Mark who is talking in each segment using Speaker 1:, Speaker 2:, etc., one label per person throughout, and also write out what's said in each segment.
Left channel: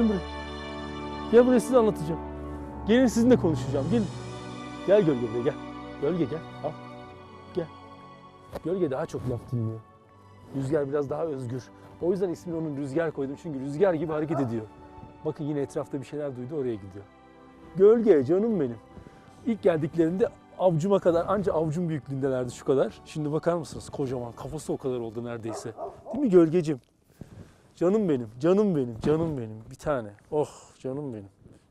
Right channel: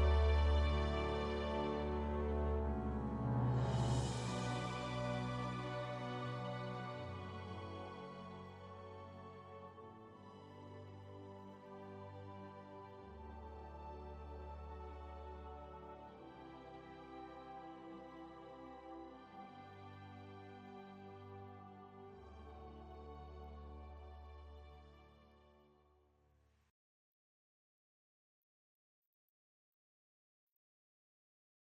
Speaker 1: Gelin buraya. Gel buraya size anlatacağım. Gelin sizinle konuşacağım. Gelin. Gel gölge buraya gel. Gölge gel. Al. Gel. Gölge daha çok laf dinliyor. Rüzgar biraz daha özgür. O yüzden ismini onun Rüzgar koydum. Çünkü rüzgar gibi hareket ediyor. Bakın yine etrafta bir şeyler duydu oraya gidiyor. Gölge canım benim. İlk geldiklerinde avcuma kadar anca avcum büyüklüğündelerdi şu kadar. Şimdi bakar mısınız kocaman kafası o kadar oldu neredeyse. Değil mi gölgecim? Canım benim, canım benim, canım benim. Bir tane. Oh canım benim,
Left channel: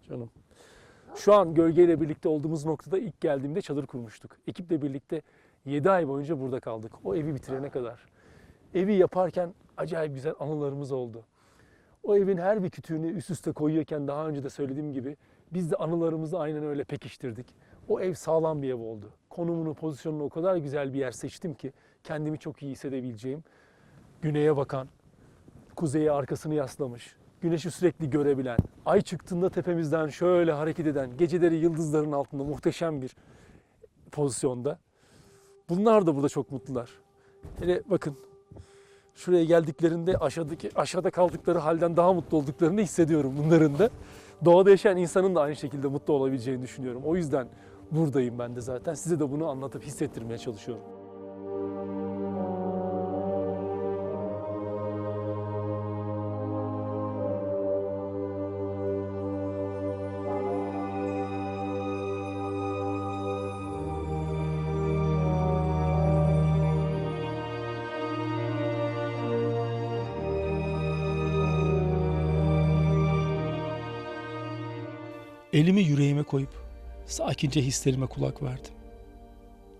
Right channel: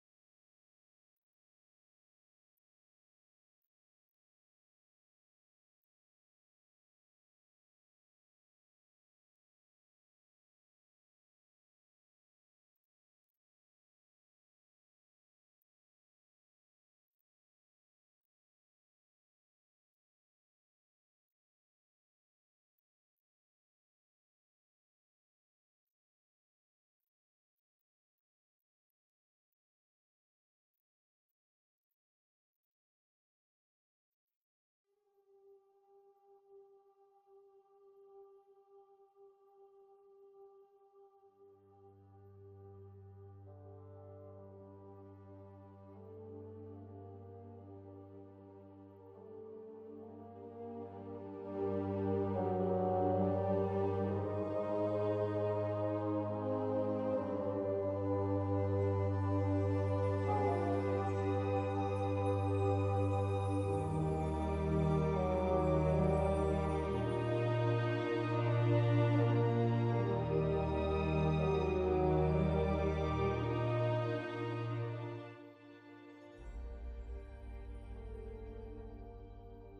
Speaker 1: canım. Şu an gölgeyle birlikte olduğumuz noktada ilk geldiğimde çadır kurmuştuk. Ekiple birlikte 7 ay boyunca burada kaldık. O evi bitirene kadar. Evi yaparken acayip güzel anılarımız oldu. O evin her bir kütüğünü üst üste koyuyorken daha önce de söylediğim gibi biz de anılarımızı aynen öyle pekiştirdik. O ev sağlam bir ev oldu. Konumunu, pozisyonunu o kadar güzel bir yer seçtim ki kendimi çok iyi hissedebileceğim. Güneye bakan, kuzeye arkasını yaslamış, güneşi sürekli görebilen, ay çıktığında tepemizden şöyle hareket eden, geceleri yıldızların altında muhteşem bir pozisyonda. Bunlar da burada çok mutlular. Hele bakın şuraya geldiklerinde aşağıdaki aşağıda kaldıkları halden daha mutlu olduklarını hissediyorum bunların da. Doğada yaşayan insanın da aynı şekilde mutlu olabileceğini düşünüyorum. O yüzden buradayım ben de zaten. Size de bunu anlatıp hissettirmeye çalışıyorum.
Speaker 2: Elimi yüreğime koyup sakince hislerime kulak verdim.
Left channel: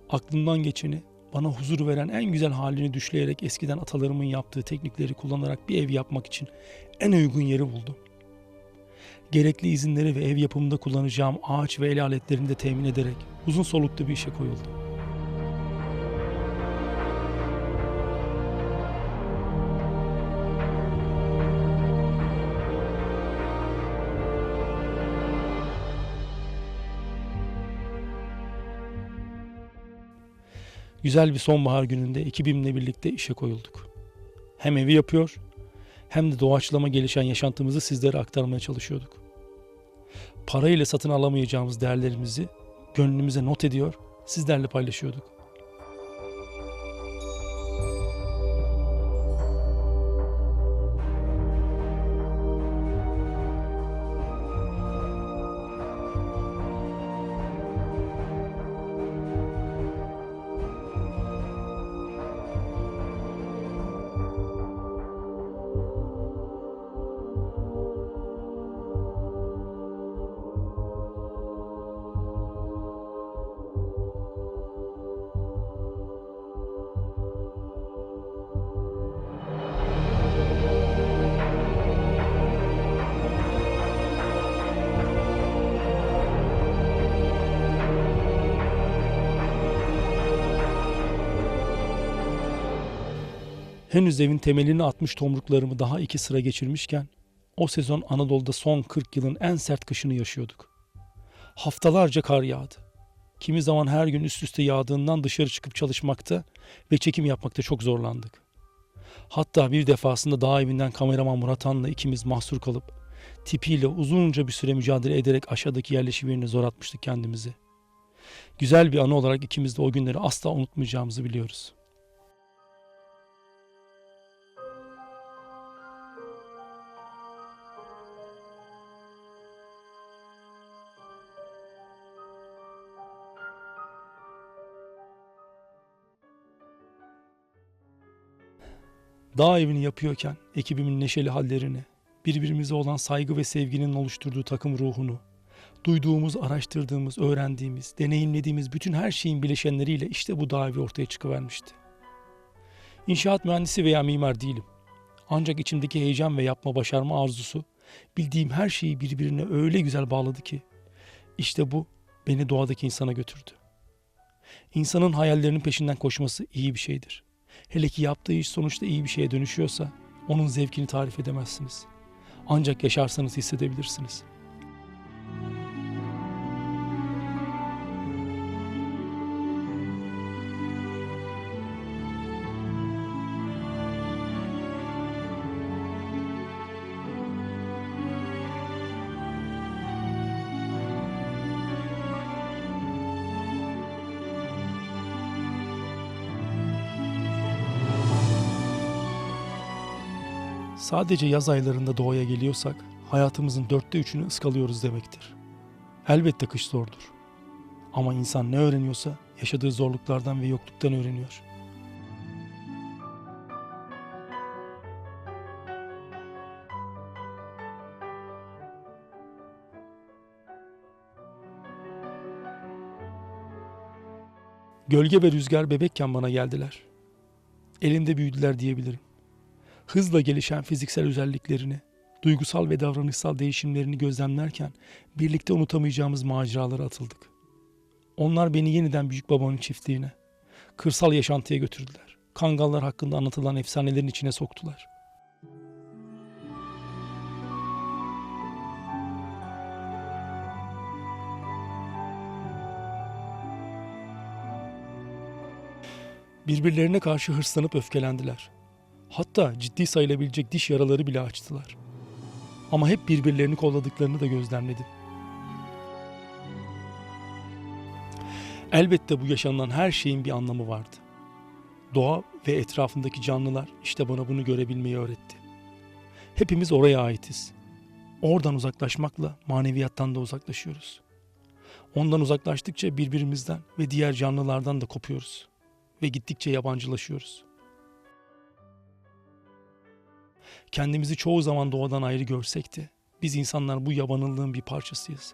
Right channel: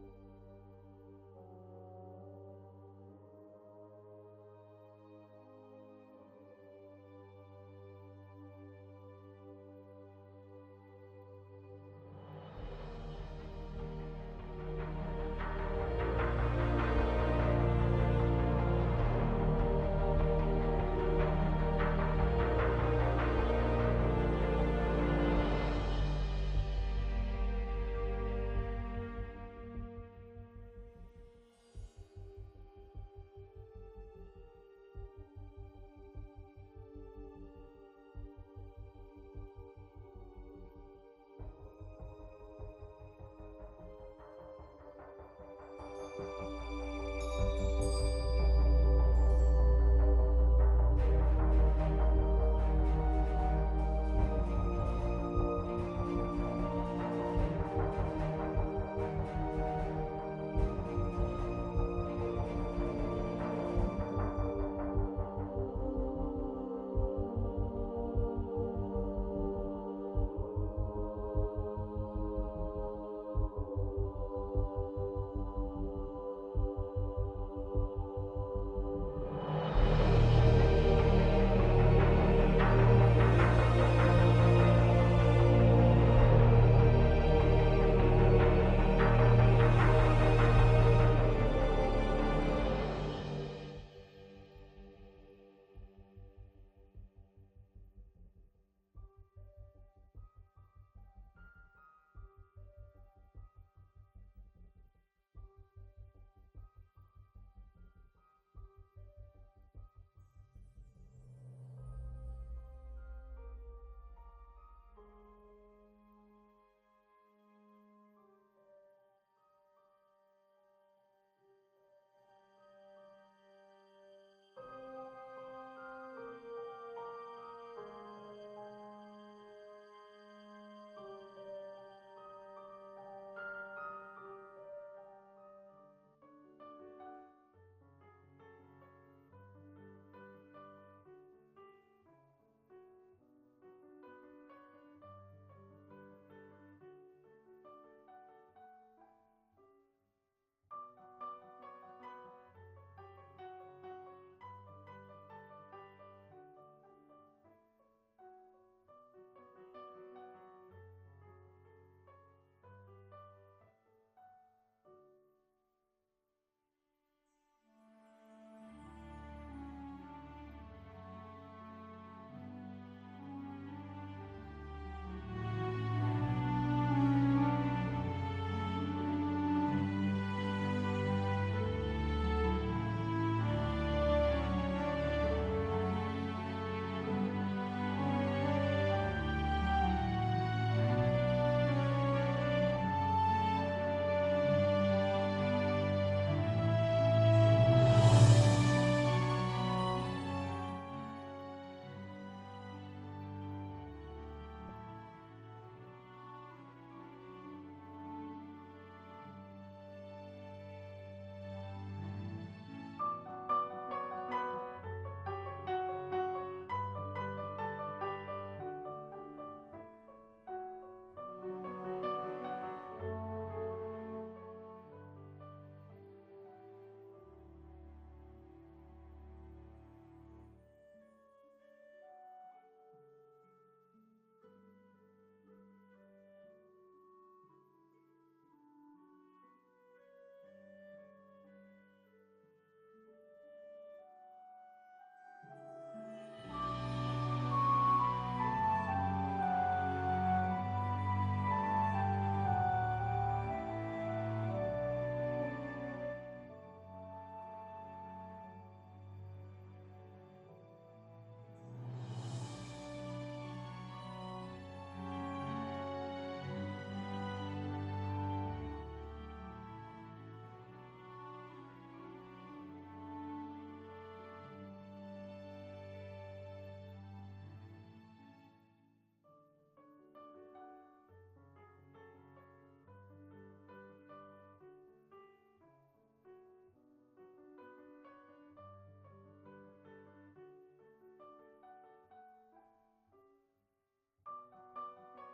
Speaker 2: Aklımdan geçeni bana huzur veren en güzel halini düşleyerek eskiden atalarımın yaptığı teknikleri kullanarak bir ev yapmak için en uygun yeri buldum. Gerekli izinleri ve ev yapımında kullanacağım ağaç ve el aletlerini de temin ederek uzun soluklu bir işe koyuldum. Güzel bir sonbahar gününde ekibimle birlikte işe koyulduk. Hem evi yapıyor hem de doğaçlama gelişen yaşantımızı sizlere aktarmaya çalışıyorduk. Parayla satın alamayacağımız değerlerimizi gönlümüze not ediyor, sizlerle paylaşıyorduk. Henüz evin temelini atmış tomruklarımı daha iki sıra geçirmişken o sezon Anadolu'da son 40 yılın en sert kışını yaşıyorduk. Haftalarca kar yağdı. Kimi zaman her gün üst üste yağdığından dışarı çıkıp çalışmakta ve çekim yapmakta çok zorlandık. Hatta bir defasında dağ evinden kameraman Murat Han'la ikimiz mahsur kalıp tipiyle uzunca bir süre mücadele ederek aşağıdaki yerleşim yerine zor atmıştık kendimizi. Güzel bir anı olarak ikimiz de o günleri asla unutmayacağımızı biliyoruz. Dağ evini yapıyorken ekibimin neşeli hallerini, birbirimize olan saygı ve sevginin oluşturduğu takım ruhunu, duyduğumuz, araştırdığımız, öğrendiğimiz, deneyimlediğimiz bütün her şeyin bileşenleriyle işte bu dağ evi ortaya çıkıvermişti. İnşaat mühendisi veya mimar değilim. Ancak içimdeki heyecan ve yapma başarma arzusu bildiğim her şeyi birbirine öyle güzel bağladı ki işte bu beni doğadaki insana götürdü. İnsanın hayallerinin peşinden koşması iyi bir şeydir. Hele ki yaptığı iş sonuçta iyi bir şeye dönüşüyorsa onun zevkini tarif edemezsiniz. Ancak yaşarsanız hissedebilirsiniz. Sadece yaz aylarında doğaya geliyorsak hayatımızın dörtte üçünü ıskalıyoruz demektir. Elbette kış zordur. Ama insan ne öğreniyorsa yaşadığı zorluklardan ve yokluktan öğreniyor. Gölge ve rüzgar bebekken bana geldiler. Elimde büyüdüler diyebilirim. Hızla gelişen fiziksel özelliklerini, duygusal ve davranışsal değişimlerini gözlemlerken birlikte unutamayacağımız maceralara atıldık. Onlar beni yeniden büyük babamın çiftliğine, kırsal yaşantıya götürdüler. Kangallar hakkında anlatılan efsanelerin içine soktular. Birbirlerine karşı hırslanıp öfkelendiler. Hatta ciddi sayılabilecek diş yaraları bile açtılar. Ama hep birbirlerini kolladıklarını da gözlemledim. Elbette bu yaşanılan her şeyin bir anlamı vardı. Doğa ve etrafındaki canlılar işte bana bunu görebilmeyi öğretti. Hepimiz oraya aitiz. Oradan uzaklaşmakla maneviyattan da uzaklaşıyoruz. Ondan uzaklaştıkça birbirimizden ve diğer canlılardan da kopuyoruz ve gittikçe yabancılaşıyoruz. Kendimizi çoğu zaman doğadan ayrı görsek de biz insanlar bu yabanıllığın bir parçasıyız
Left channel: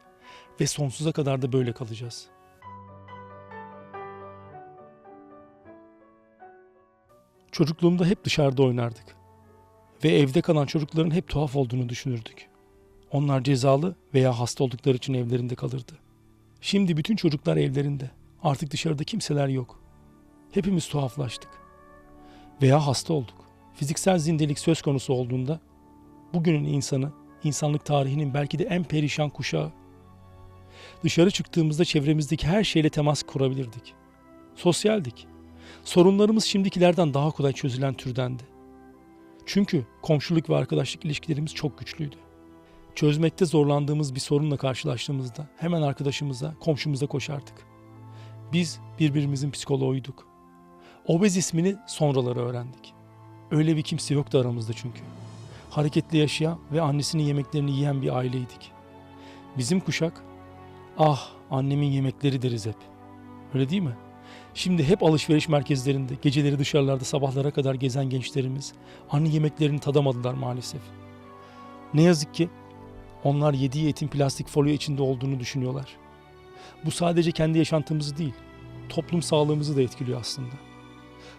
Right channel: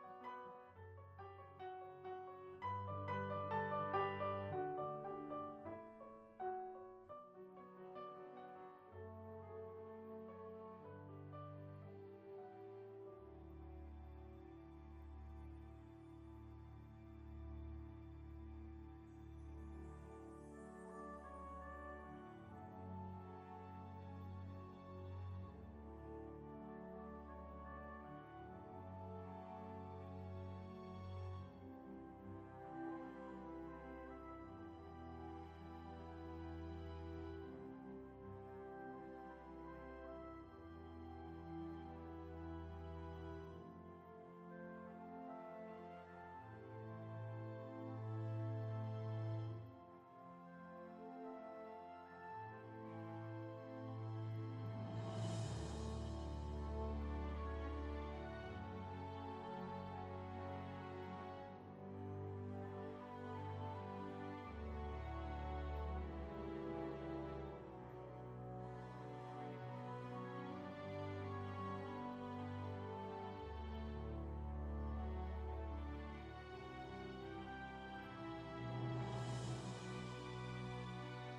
Speaker 2: ve sonsuza kadar da böyle kalacağız. Çocukluğumda hep dışarıda oynardık ve evde kalan çocukların hep tuhaf olduğunu düşünürdük. Onlar cezalı veya hasta oldukları için evlerinde kalırdı. Şimdi bütün çocuklar evlerinde. Artık dışarıda kimseler yok. Hepimiz tuhaflaştık. Veya hasta olduk. Fiziksel zindelik söz konusu olduğunda bugünün insanı insanlık tarihinin belki de en perişan kuşağı. Dışarı çıktığımızda çevremizdeki her şeyle temas kurabilirdik. Sosyaldik. Sorunlarımız şimdikilerden daha kolay çözülen türdendi. Çünkü komşuluk ve arkadaşlık ilişkilerimiz çok güçlüydü. Çözmekte zorlandığımız bir sorunla karşılaştığımızda hemen arkadaşımıza, komşumuza koşardık. Biz birbirimizin psikoloğuyduk. Obez ismini sonraları öğrendik. Öyle bir kimse yoktu aramızda çünkü. Hareketli yaşayan ve annesinin yemeklerini yiyen bir aileydik. Bizim kuşak, ah annemin yemekleri deriz hep. Öyle değil mi? Şimdi hep alışveriş merkezlerinde, geceleri dışarılarda sabahlara kadar gezen gençlerimiz anne yemeklerini tadamadılar maalesef. Ne yazık ki onlar yediği etin plastik folyo içinde olduğunu düşünüyorlar. Bu sadece kendi yaşantımızı değil, toplum sağlığımızı da etkiliyor aslında.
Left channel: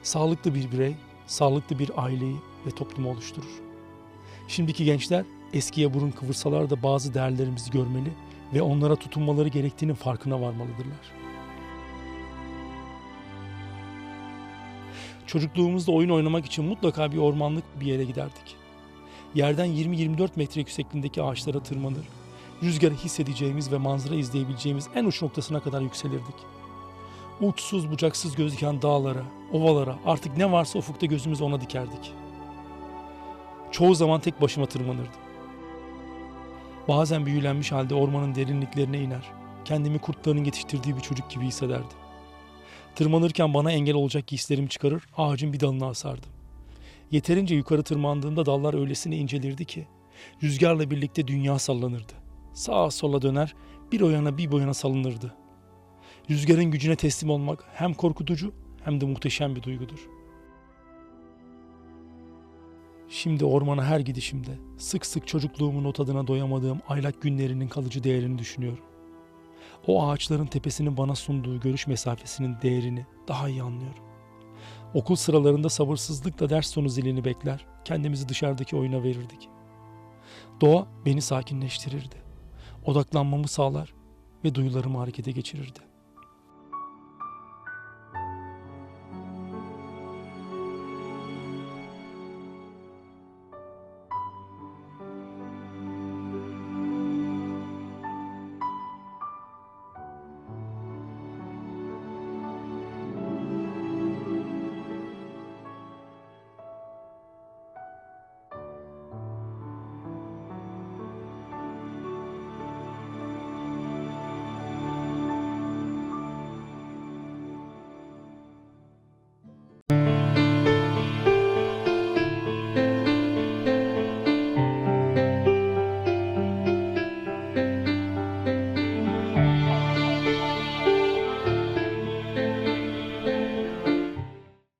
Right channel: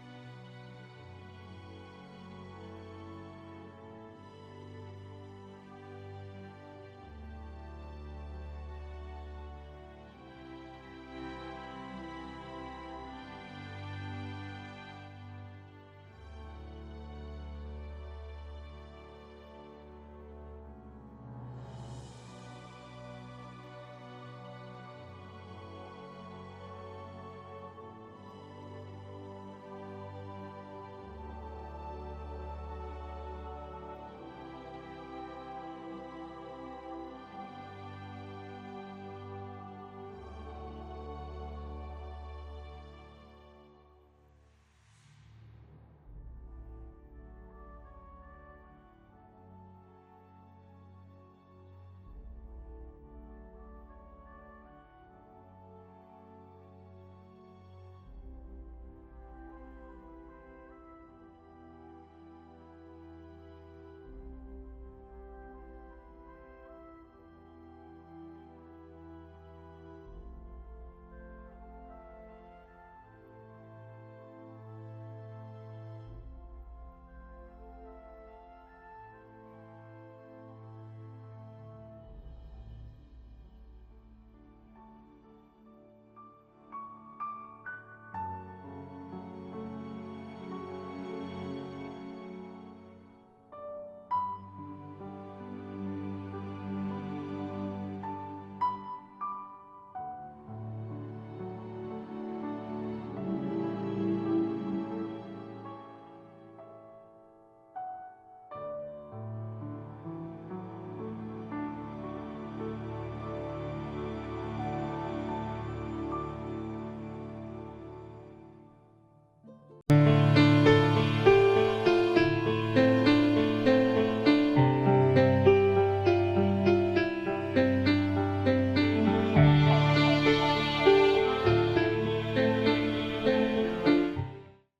Speaker 2: Sağlıklı bir birey, sağlıklı bir aileyi ve toplumu oluşturur. Şimdiki gençler eskiye burun kıvırsalar da bazı değerlerimizi görmeli ve onlara tutunmaları gerektiğinin farkına varmalıdırlar. Çocukluğumuzda oyun oynamak için mutlaka bir ormanlık bir yere giderdik. Yerden 20-24 metre yüksekliğindeki ağaçlara tırmanır, rüzgarı hissedeceğimiz ve manzara izleyebileceğimiz en uç noktasına kadar yükselirdik. Uçsuz bucaksız gözüken dağlara, ovalara artık ne varsa ufukta gözümüz ona dikerdik. Çoğu zaman tek başıma tırmanırdım. Bazen büyülenmiş halde ormanın derinliklerine iner, kendimi kurtların yetiştirdiği bir çocuk gibi hissederdim. Tırmanırken bana engel olacak giysilerimi çıkarır, ağacın bir dalına asardım. Yeterince yukarı tırmandığımda dallar öylesine incelirdi ki, rüzgarla birlikte dünya sallanırdı. Sağa sola döner, bir o yana bir bu yana salınırdı. Rüzgarın gücüne teslim olmak hem korkutucu hem de muhteşem bir duygudur. Şimdi ormana her gidişimde sık sık çocukluğumun o tadına doyamadığım aylak günlerinin kalıcı değerini düşünüyorum. O ağaçların tepesinin bana sunduğu görüş mesafesinin değerini daha iyi anlıyorum. Okul sıralarında sabırsızlıkla ders sonu zilini bekler, kendimizi dışarıdaki oyuna verirdik. Doğa beni sakinleştirirdi. Odaklanmamı sağlar ve duyularımı harekete geçirirdi.